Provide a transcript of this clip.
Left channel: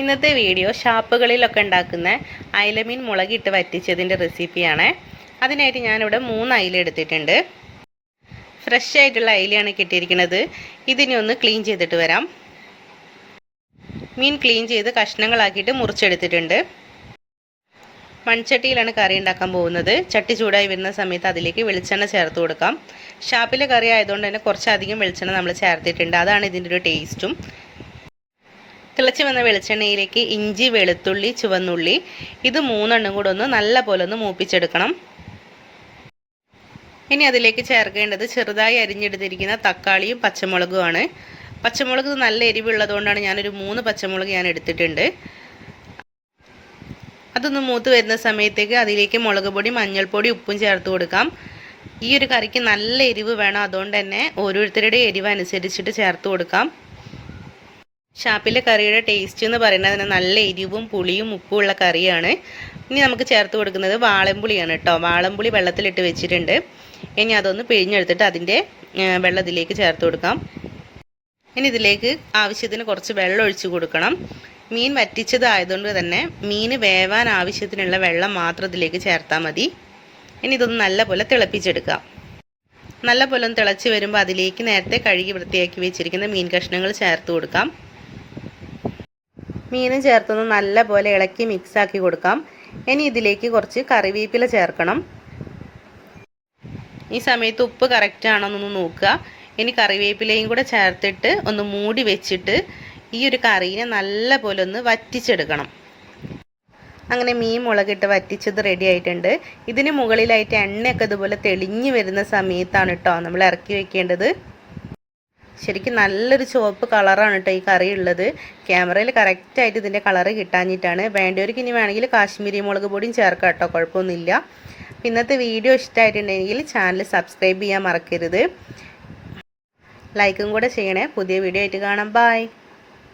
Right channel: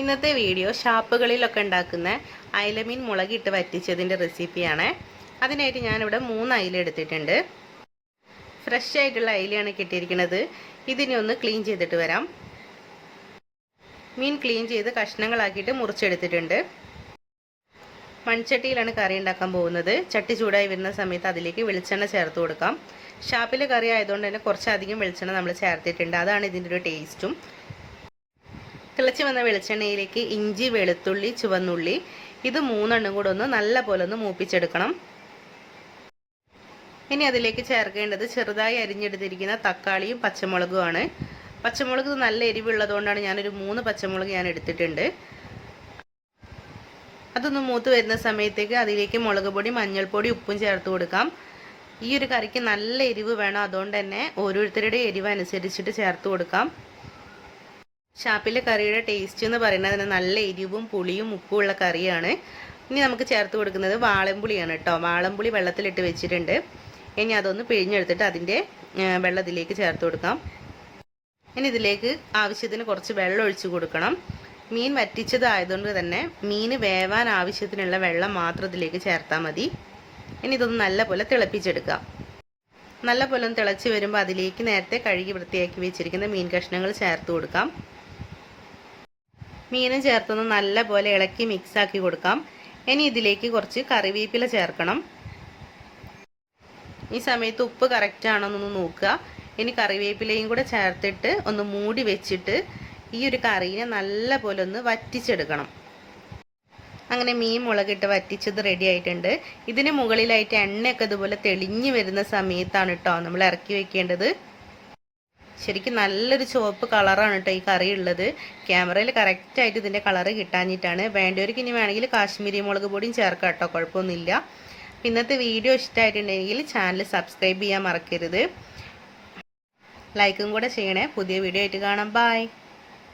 ഇന്നത്തെ വീഡിയോ ഷാപ്പുകളിലൊക്കെ ഉണ്ടാക്കുന്ന അയലമീൻ മുളകിട്ട് വറ്റിച്ചതിന്റെ റെസിപ്പിയാണ്. അതിനായിട്ട് ഞാനിവിടെ മൂന്ന് അയില എടുത്തിട്ടുണ്ട്. ഫ്രഷ് ആയിട്ടുള്ള അയിലയാണ് കിട്ടിയിരിക്കുന്നത്. ഇതിനെ ഒന്ന് ക്ലീൻ ചെയ്തിട്ട് വരാം. മീൻ ക്ലീൻ ചെയ്ത് കഷ്ണങ്ങളാക്കിയിട്ട് മുറിച്ചെടുത്തിട്ടുണ്ട്. മൺചട്ടിയിലാണ് കറി ഉണ്ടാക്കാൻ പോകുന്നത്. ചട്ടി ചൂടായി വരുന്ന സമയത്ത് അതിലേക്ക് വെളിച്ചെണ്ണ ചേർത്ത് കൊടുക്കാം. ഷാപ്പിലെ കറി ആയതുകൊണ്ട് തന്നെ കുറച്ചധികം വെളിച്ചെണ്ണ നമ്മൾ ചേർത്തിട്ടുണ്ട്. അതാണ് ഇതിന്റെ ഒരു ടേസ്റ്റും തിളച്ച് വന്ന വെളിച്ചെണ്ണയിലേക്ക് ഇഞ്ചി വെളുത്തുള്ളി ചുവന്നുള്ളി ഇത് മൂന്നെണ്ണം കൂടെ ഒന്ന് നല്ല പോലെ ഒന്ന് മൂപ്പിച്ചെടുക്കണം. ഇനി അതിലേക്ക് ചേർക്കേണ്ടത് ചെറുതായി അരിഞ്ഞെടുത്തിരിക്കുന്ന തക്കാളിയും പച്ചമുളകുമാണ്. പച്ചമുളക് നല്ല എരിവുള്ളതുകൊണ്ടാണ് ഞാനൊരു മൂന്ന് പച്ചമുളക് ഞാൻ എടുത്തിട്ടുണ്ട്. അതൊന്ന് മൂത്ത് വരുന്ന സമയത്തേക്ക് അതിലേക്ക് മുളക് പൊടി മഞ്ഞൾപ്പൊടി ഉപ്പും ചേർത്ത് കൊടുക്കാം. ഈ ഒരു കറിക്ക് നല്ല എരിവ് വേണം. അതുകൊണ്ട് തന്നെ ഓരോരുത്തരുടെ എരിവ് അനുസരിച്ചിട്ട് ചേർത്ത് കൊടുക്കാം. ഷാപ്പിലെ കറിയുടെ ടേസ്റ്റ് എന്ന് പറയുന്നത് നല്ല എരിവും പുളിയും ഉപ്പും ഉള്ള കറിയാണ്. ഇനി നമുക്ക് ചേർത്ത് കൊടുക്കുന്നത് വാളംപുളിയാണ് കേട്ടോ. വാളംപുളി വെള്ളത്തിലിട്ട് വെച്ചിട്ടുണ്ട്. ഇനി അതൊന്ന് പിഴിഞ്ഞെടുത്തിട്ട് അതിന്റെ വെള്ളം ഇതിലേക്ക് ചേർത്ത് കൊടുക്കാം. ഇനി ഇതിലേക്ക് ആവശ്യത്തിന് കുറച്ച് വെള്ളം ഒഴിച്ച് കൊടുക്കണം. മീൻ വറ്റിച്ചതായതുകൊണ്ട് തന്നെ മീൻ വേവാൻ ആവശ്യത്തിനുള്ള വെള്ളം മാത്രം ഇതിലേക്ക് ചേർത്താൽ മതി. ഇനി ഇതൊന്ന് നല്ലപോലെ തിളപ്പിച്ചെടുക്കാം നല്ല പോലെ ഒന്ന് തിളച്ച് വരുമ്പോൾ അതിലേക്ക് നേരത്തെ കഴുകി വൃത്തിയാക്കി വെച്ചിരിക്കുന്ന മീൻ കഷ്ണങ്ങൾ ചേർത്ത് കൊടുക്കാം. മീനും ചേർത്തൊന്ന് നല്ലപോലെ ഇളക്കി മിക്സാക്കി കൊടുക്കാം. ഇനി ഇതിലേക്ക് കുറച്ച് കറിവേപ്പില ചേർക്കണം. ഈ സമയത്ത് ഉപ്പ് കറക്റ്റ് ആണോന്നൊന്ന് നോക്കുക. ഇനി കറിവേപ്പിലയും കൂടെ ചേർത്തിട്ട് ഒന്ന് മൂടി വെച്ചിട്ട് ഈ ഒരു കറീനെ നല്ലപോലെ ഒന്ന് വറ്റിച്ചെടുക്കണം. അങ്ങനെ മീൻ മുളകിട്ട് വറ്റിച്ചത് റെഡി ആയിട്ടുണ്ട്. ഇതിന് മുകളിലായിട്ട് എണ്ണയൊക്കെ ഇതുപോലെ തെളിഞ്ഞു വരുന്ന സമയത്താണ് കേട്ടോ നമ്മൾ ഇറക്കി വെക്കേണ്ടത്. ശരിക്കും നല്ലൊരു ചുവപ്പ് കളറാണ് കേട്ടോ ഈ കറി ഉള്ളത്. ക്യാമറയിൽ കറക്റ്റായിട്ട് ഇതിന്റെ കളറ് കിട്ടാഞ്ഞിട്ടാണ്. വേണ്ടവർക്ക് ഇനി വേണമെങ്കിൽ കാശ്മീരി മുളക് പൊടിയും ചേർക്കാം കേട്ടോ കുഴപ്പമൊന്നുമില്ല. ഇന്നത്തെ വീഡിയോ ഇഷ്ടമായിട്ടുണ്ടെങ്കിൽ ചാനൽ സബ്സ്ക്രൈബ് ചെയ്യാൻ മറക്കരുത്. ലൈക്കും കൂടെ ചെയ്യണേ. പുതിയ വീഡിയോ ആയിട്ട് കാണാം. ബായ്